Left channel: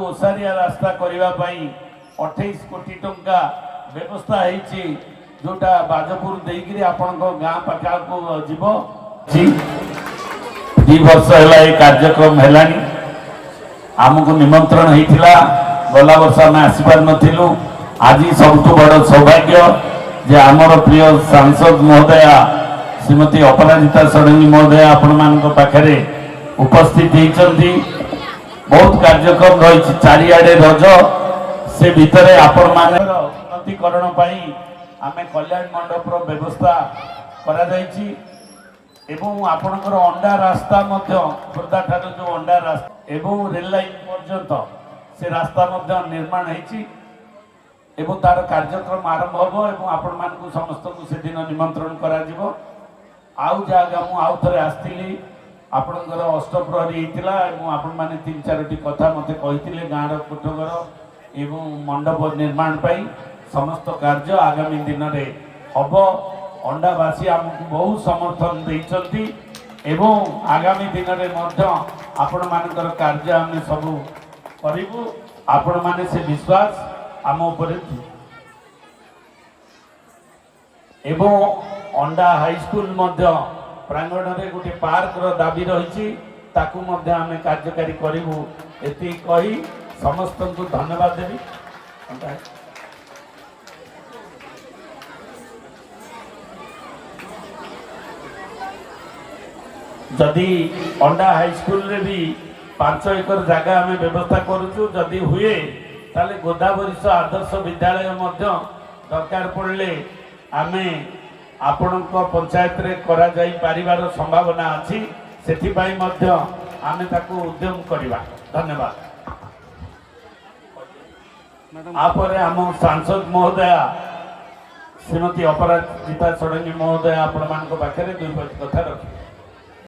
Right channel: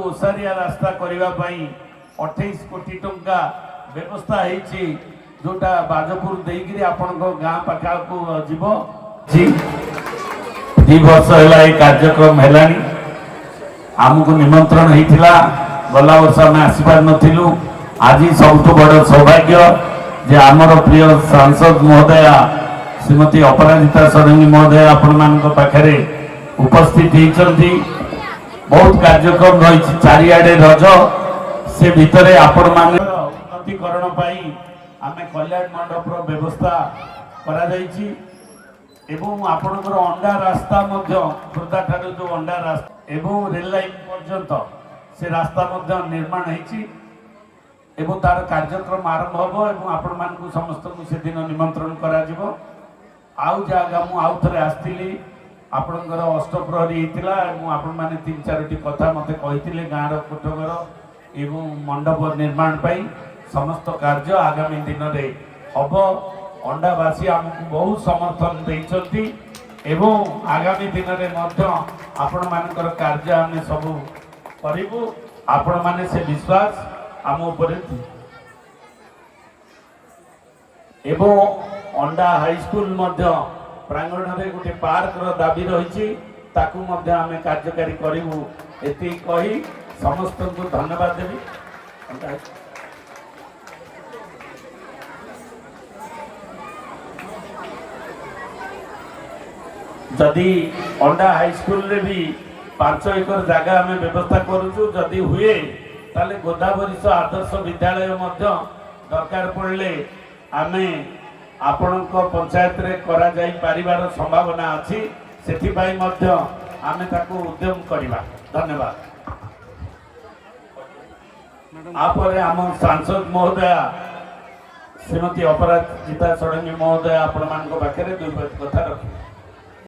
ओसारिया रास्ता करने 28 कोटी टंका व्यवस्था होती जोटा बाजपुर देकर आपण गाँ पाखा को जीव 2 वर्ष है कार्यक्रम है आमको निमंत्रण होता गला वर्ष आम आसपार नथिलु आज सबुठ बड़ सौभाग्य जे आमर प्रिय सांसद महोदया श्रीमती अपराजिता षडंगी महोदया आपण मान पाखे उपस्थित होती बहुत कार्यक्रम रही चारिआडे रज से भितर आपण मान उन्नतीकरण आम कल्याण मंडप व्यवस्था करा एवं आपणकर अंडा रास्ता खोर्धा ठार जो अंडा रास्ता एवं रेल लाइन पर्यंत से रास्ता निर्माण होती एवं तार कार्यक्रम आरंभ हम एवं आपण मान समस्त को से दिन निमंत्रण करा आउ जगह आउ थे आसती आपणकर अष्टप्रहरी होता आपण मैंने 3-4टी कथा मत कही गाँव कोठघर एवं मंडप निर्माण पाई समस्त कार्य आगामी दिन में हम अंडावासी आमको बहुत समर्थन देती एवं आगामी दिन में आपण मानकर कार्य आम सब करूँ आपण मैंने से विश्वास आम उपर एवं अंडा हाईस्कूल प्रांगण में गोटे पार्क दाबी रही आम कार्यकारी करूँ ये कही समस्त को धन्यवाद देवी। जदि अंडा हाईस्कूल रे भी 5 एकर जगह आम व्यवस्था करूँ जदि हुए ताले गोदावरीश आदर्श विद्यालय दरकार पड़े आम आपण पंचायत रे करा जाई परिवार संभावना अच्छी से आम ताकू उद्यम करवा। धन्यवाद। आपरे आम सांसद महोदया श्रीमती अपराजिता षडंगी महोदया आपण मान पाखे 2 कथा रखी।